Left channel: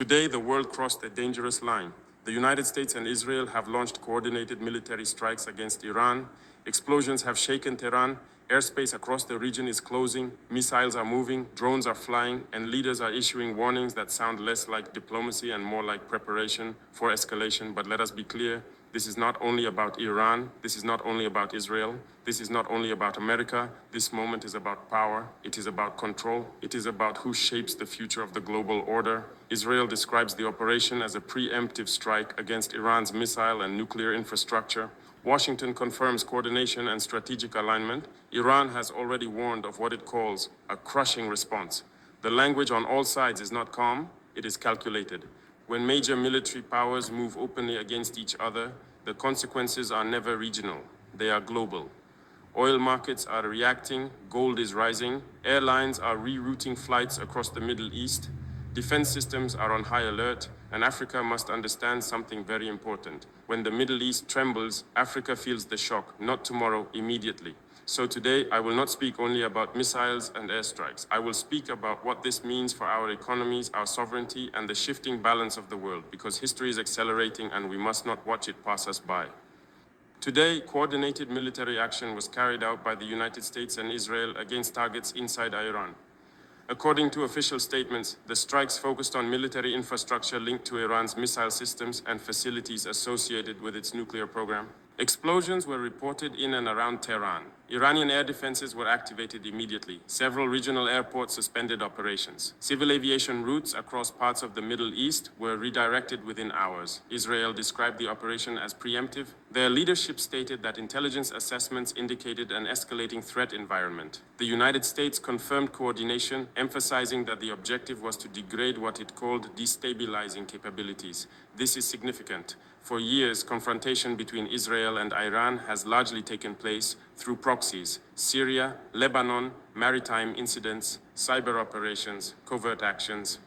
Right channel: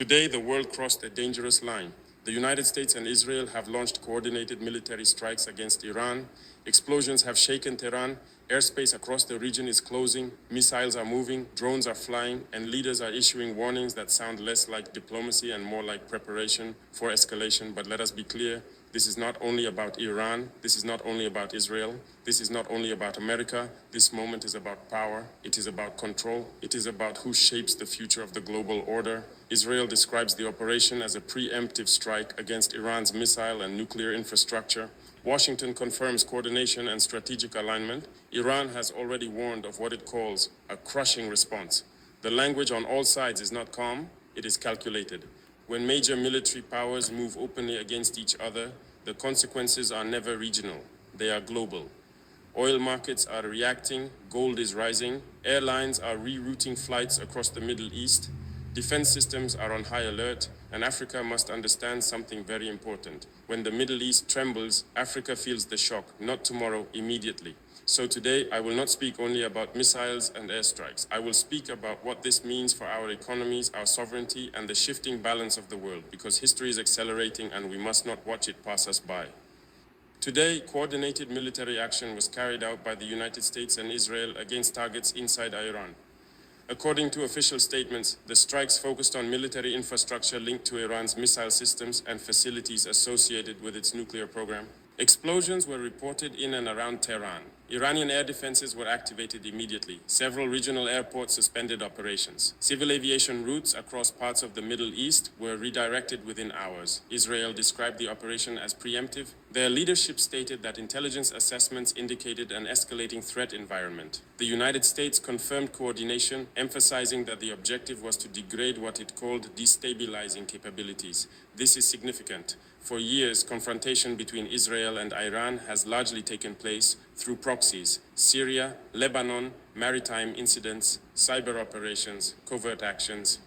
Today, the world crossed a dangerous line. The United States and Israel have launched coordinated military strikes against Iran. Explosions have shaken Tehran. Airspace across the region is closing. Missiles are moving, drones are flying, and leaders are issuing warnings that sound less like diplomacy and more like preparation for escalation. But let us be clear, this is not only about Iran, this is not only about Israel, this is not only about America. This moment is about power, it is about control, it is about who shapes the future of the global order. Israel describes the operation as a preemptive strike against Iran's missile and nuclear infrastructure. Washington confirms coordination and strategic alignment. Iran has already warned of what it calls a crushing response. The language on all sides is not calm, it is calculated. When major military powers move openly against each other, the consequences are never regional, they are global. Oil markets are reacting, gold is rising, airlines are rerouting flights across the Middle East, defense systems are on high alert, and Africa must understand something very important. When the Middle East trembles, Africa feels the shock, not tomorrow, immediately. So today, I will not speak only about missiles and airstrikes. I will speak about what this means for our economies, our sovereignty, and the shifting balance of the world, because history is accelerating and we must not watch it pass us by. Today, coordinated military action was carried out by the United States and Israel against targets inside Iran. According to official statements, the strikes focused on military infrastructure linked to Iran's missile systems and facilities associated with its nuclear program. Explosions were reported in and around Tehran. Iranian air defenses were activated immediately. Several regional airports suspended operations. Civil aviation routes across parts of the Middle East were redirected within hours. Israel described the operation as preemptive. Their leadership stated that intelligence assessments indicated an escalating threat environment. The United States confirmed coordination, emphasizing that the objective was to degrade what it called destabilizing capabilities. This is significant. For years, confrontation between Israel and Iran has largely taken place through proxies: Syria, Lebanon, maritime incidents, cyber operations, covert actions.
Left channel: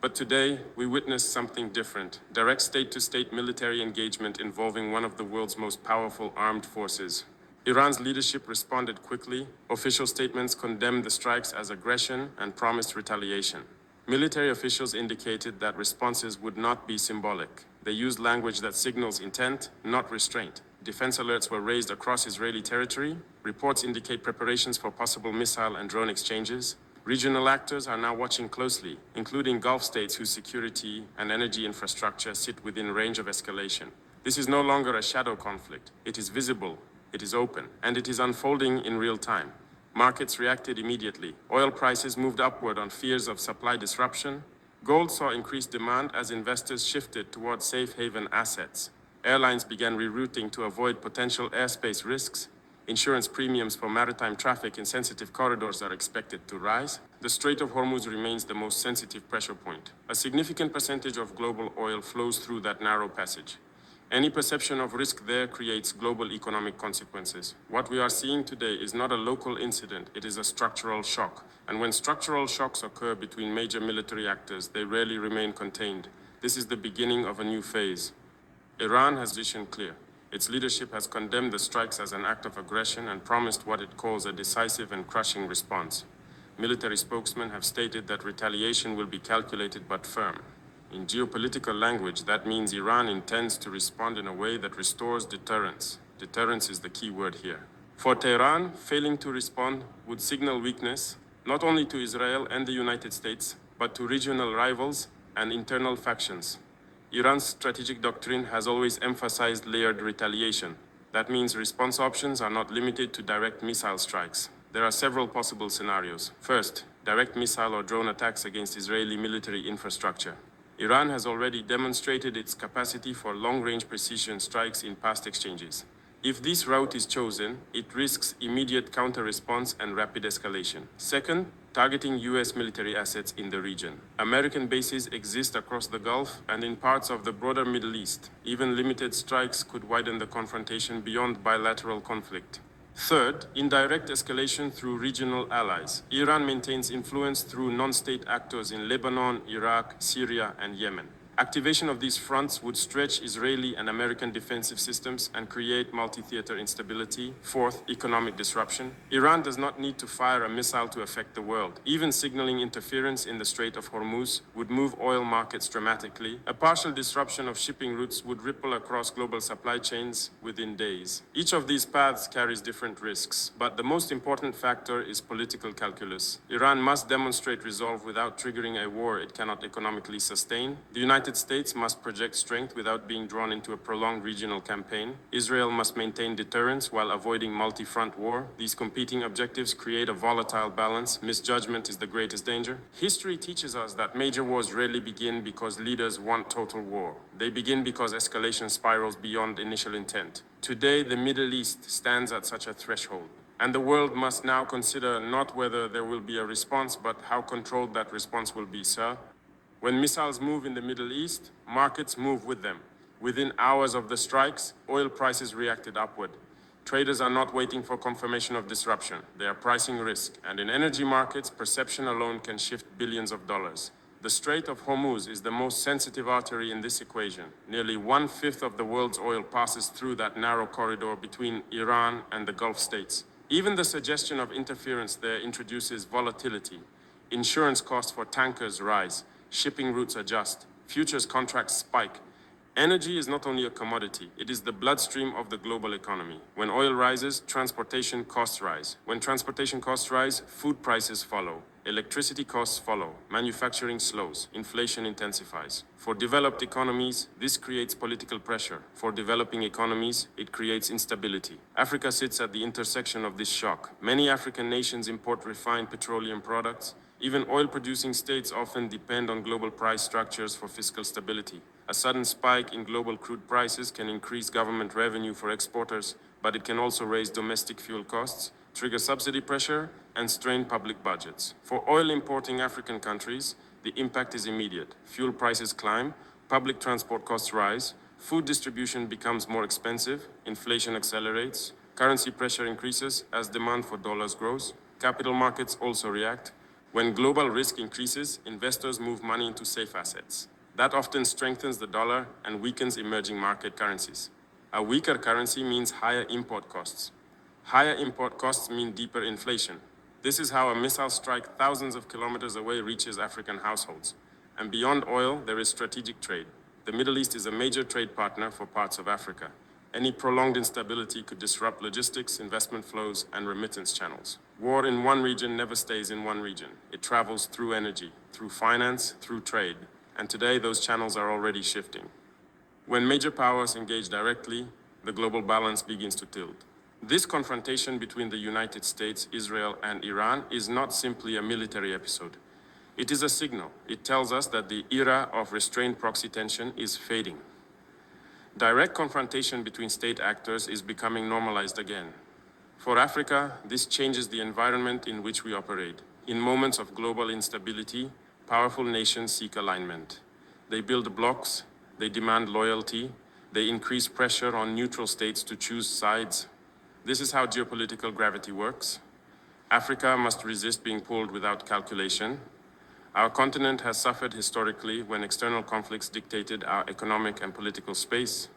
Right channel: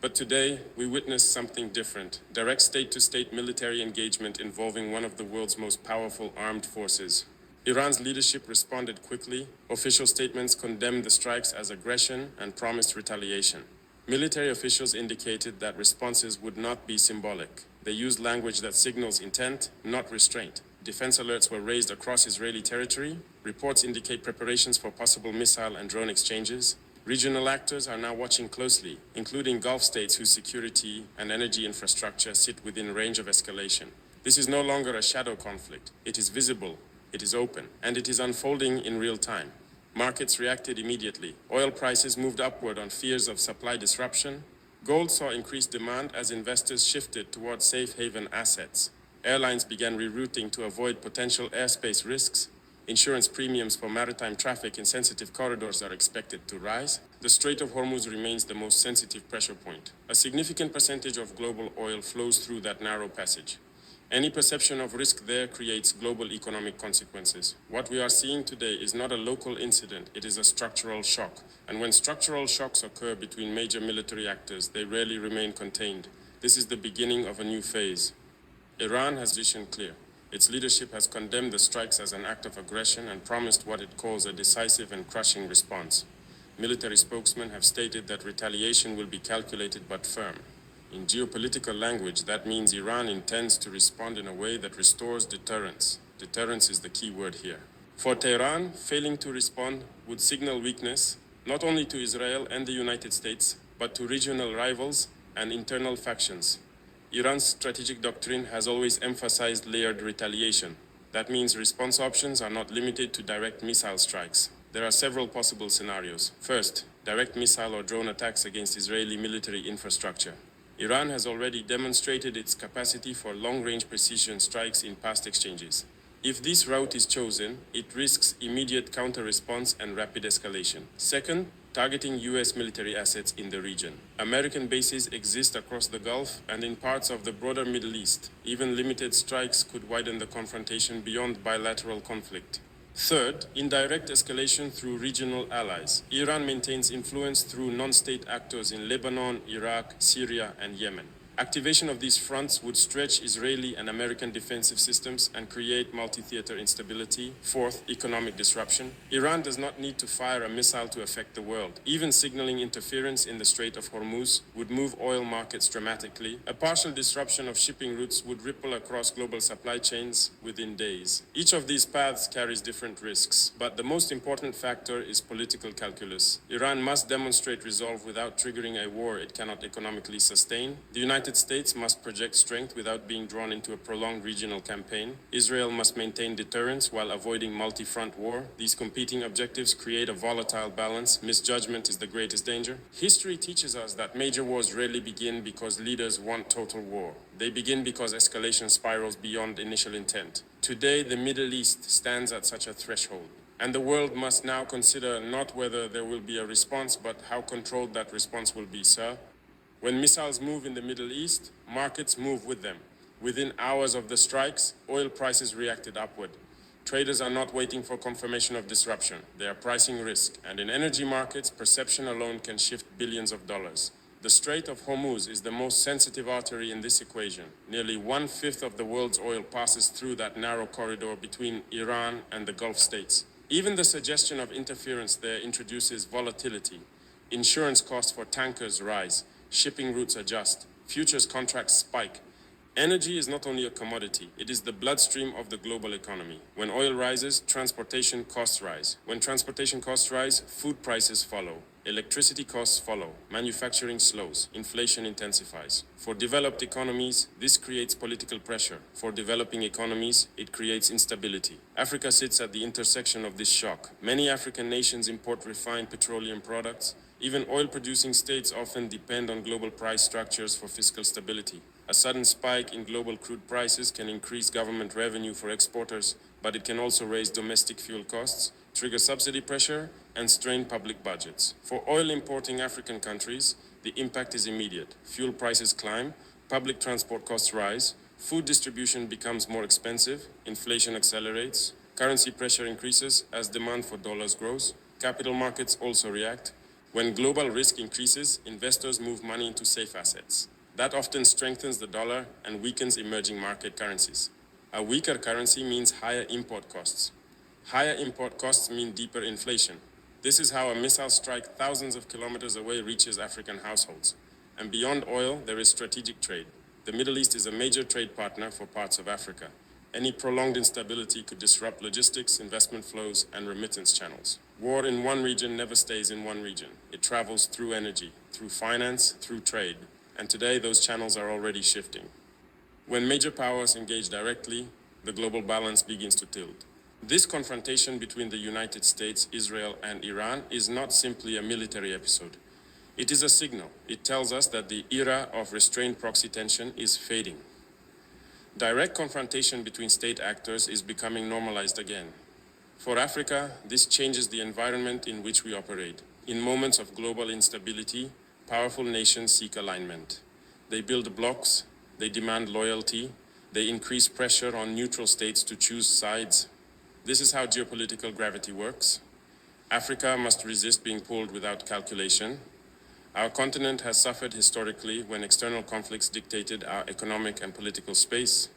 But today, we witness something different: direct state-to-state military engagement involving one of the world's most powerful armed forces. Iran's leadership responded quickly. Official statements condemned the strikes as aggression and promised retaliation. Military officials indicated that responses would not be symbolic. They used language that signals intent, not restraint. Defense alerts were raised across Israeli territory. Reports indicate preparations for possible missile and drone exchanges. Regional actors are now watching closely, including Gulf states whose security and energy infrastructure sit within range of escalation. This is no longer a shadow conflict. It is visible, it is open, and it is unfolding in real time. Markets reacted immediately. Oil prices moved upward on fears of supply disruption. Gold saw increased demand as investors shifted toward safe haven assets. Airlines began rerouting to avoid potential airspace risks. Insurance premiums for maritime traffic in sensitive corridors are expected to rise. The Strait of Hormuz remains the most sensitive pressure point. A significant percentage of global oil flows through that narrow passage. Any perception of risk there creates global economic consequences. What we are seeing today is not a local incident, it is a structural shock. And when structural shocks occur between major military actors, they rarely remain contained. This is the beginning of a new phase. Iran has positioned clear. Its leadership has condemned the strikes as an act of aggression and promised what it calls a decisive and crushing response. Military spokesmen have stated that retaliation will be calculated but firm. In geopolitical language, that means Iran intends to respond in a way that restores deterrence. Deterrence is the key word here. For Tehran, failing to respond would signal weakness, not only to Israel and the United States, but to regional rivals and internal factions. Iran's strategic doctrine has always emphasized layered retaliation. That means response options are not limited to direct missile strikes. There are several possible scenarios. First, direct missile or drone attacks against Israeli military infrastructure. Iran has already demonstrated its capacity for long-range precision strikes in past exchanges. If this route is chosen, it risks immediate counter-response and rapid escalation. Second, targeting U.S. military assets in the region. American bases exist across the Gulf and in parts of the broader Middle East. Even limited strikes could widen the confrontation beyond bilateral conflict. Third, indirect escalation through regional allies. Iran maintains influence through non-state actors in Lebanon, Iraq, Syria, and Yemen. Activation of these fronts would stretch Israeli and American defensive systems and create multi-theater instability. Fourth, economic disruption. Iran does not need to fire a missile to affect the world. Even signaling interference in the Strait of Hormuz would move oil markets dramatically. A partial disruption of shipping routes would ripple across global supply chains within days. Each of these paths carries different risks, but the most important factor is political calculus. Iran must demonstrate resolve without triggering a war it cannot economically sustain. The United States must project strength without being drawn into a prolonged regional campaign. Israel must maintain deterrence while avoiding multi-front war. These competing objectives create a volatile balance. Misjudgment is the greatest danger. History teaches us that major wars rarely begin because leaders want total war. They begin because escalation spirals beyond initial intent. Today, the Middle East stands at such a threshold. And the world must now consider not whether there will be a response, but how controlled that response will be, sir. When missiles move in the Middle East, markets move with them. Within hours of the strikes, oil prices reacted upward. Traders are not waiting for confirmation of disruption. They are pricing risk. And in energy markets, perception alone can shift billions of dollars. The Strait of Hormuz is the most sensitive artery in this equation. Nearly 1/5 of the world's oil passes through that narrow corridor between Iran and the Gulf states. Even the suggestion of interference there introduces volatility. Insurance costs for tankers rise. Shipping routes adjust, futures contracts spike. Energy is not only a commodity, it is the bloodstream of the global economy. When oil rises, transportation costs rise. When transportation costs rise, food prices follow. Electricity costs follow. Manufacturing slows. Inflation intensifies. For developed economies, this creates political pressure. For developing economies, it creates instability. Africa sits at the intersection of this shock. Many African nations import refined petroleum products. Even oil-producing states often depend on global price structures for fiscal stability. A sudden spike in global crude prices can increase government revenue for exporters, but it can also raise domestic fuel costs, trigger subsidy pressure, and strain public budgets. For oil-importing African countries, the impact is immediate. Fuel prices climb, public transport costs rise, food distribution becomes more expensive, inflation accelerates, currency pressure increases as demand for dollars grows, capital markets also react. When global risk increases, investors move money into safe assets. That often strengthens the dollar and weakens emerging market currencies. A weaker currency means higher import costs. Higher import costs mean deeper inflation. This is how a missile strike thousands of kilometers away reaches African households. And beyond oil, there is strategic trade. The Middle East is a major trade partner for parts of Africa. Any prolonged instability could disrupt logistics, investment flows, and remittance channels. War in one region never stays in one region. It travels through energy, through finance, through trade. And today, those channels are already shifting. When major powers engage directly, the global balance begins to tilt. This confrontation between the United States, Israel, and Iran is not simply a military episode. It is a signal. It tells us that the era of restrained proxy tension is fading. Direct confrontation between state actors is becoming normalized again. For Africa, this changes the environment in which we operate. In moments of global instability, powerful nations seek alignment. They build blocks, they demand loyalty, they increase pressure on neutral states to choose sides. This is how geopolitical gravity works. Africa must resist being pulled without calculation. Our continent has suffered historically when external conflicts dictated our economic and political space.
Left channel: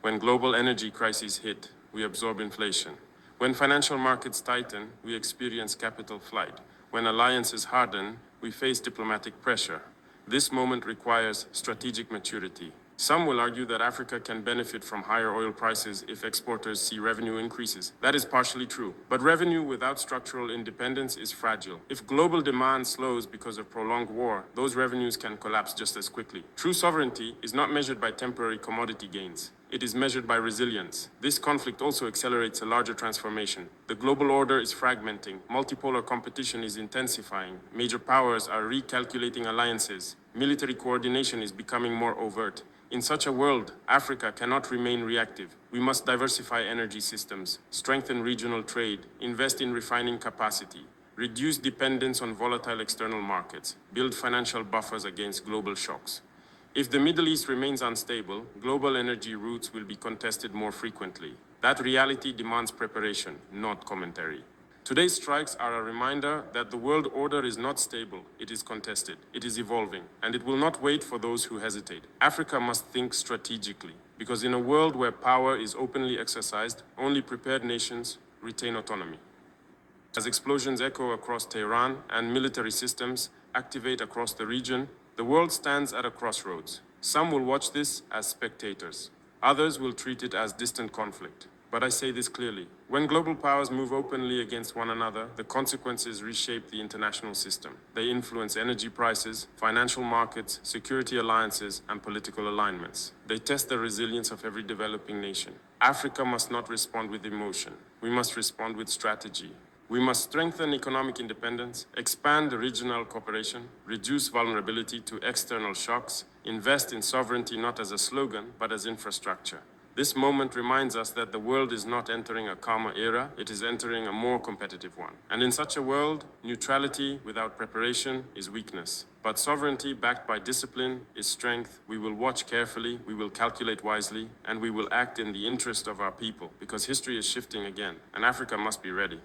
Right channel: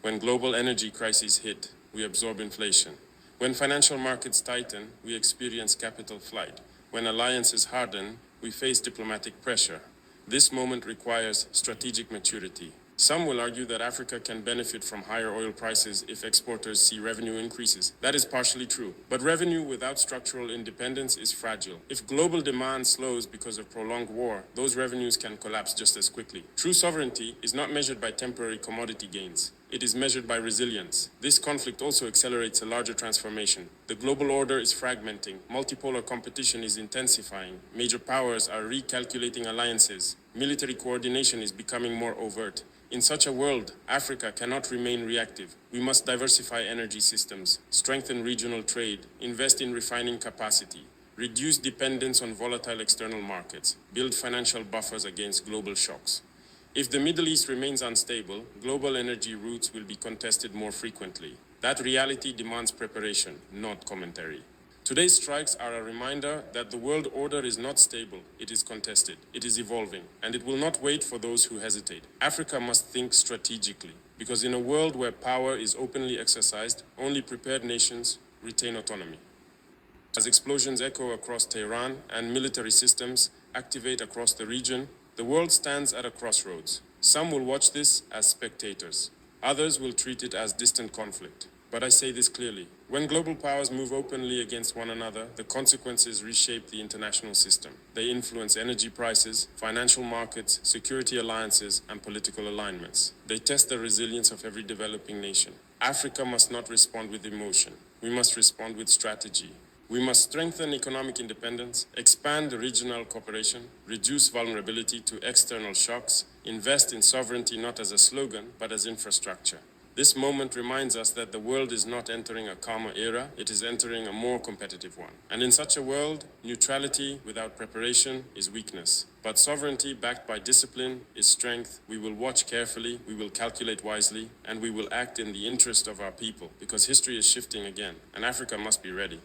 When global energy crises hit, we absorb inflation. When financial markets tighten, we experience capital flight. When alliances harden, we face diplomatic pressure. This moment requires strategic maturity. Some will argue that Africa can benefit from higher oil prices if exporters see revenue increases. That is partially true. But revenue without structural independence is fragile. If global demand slows because of prolonged war, those revenues can collapse just as quickly. True sovereignty is not measured by temporary commodity gains. It is measured by resilience. This conflict also accelerates a larger transformation. The global order is fragmenting. Multipolar competition is intensifying. Major powers are recalculating alliances. Military coordination is becoming more overt. In such a world, Africa cannot remain reactive. We must diversify energy systems, strengthen regional trade, invest in refining capacity, reduce dependence on volatile external markets, build financial buffers against global shocks. If the Middle East remains unstable, global energy routes will be contested more frequently. That reality demands preparation, not commentary. Today's strikes are a reminder that the world order is not stable, it is contested, it is evolving, and it will not wait for those who hesitate. Africa must think strategically, because in a world where power is openly exercised, only prepared nations retain autonomy. As explosions echo across Tehran and military systems activate across the region, the world stands at a crossroads. Some will watch this as spectators. Others will treat it as distant conflict. But I say this clearly. When global powers move openly against one another, the consequences reshape the international system. They influence energy prices, financial markets, security alliances, and political alignments. They test the resilience of every developing nation. Africa must not respond with emotion. We must respond with strategy. We must strengthen economic independence, expand regional cooperation, reduce vulnerability to external shocks, invest in sovereignty not as a slogan, but as infrastructure. This moment reminds us that the world is not entering a calmer era, it is entering a more competitive one. And in such a world, neutrality without preparation is weakness. But sovereignty backed by discipline is strength. We will watch carefully, we will calculate wisely, and we will act in the interest of our people, because history is shifting again, and Africa must be ready.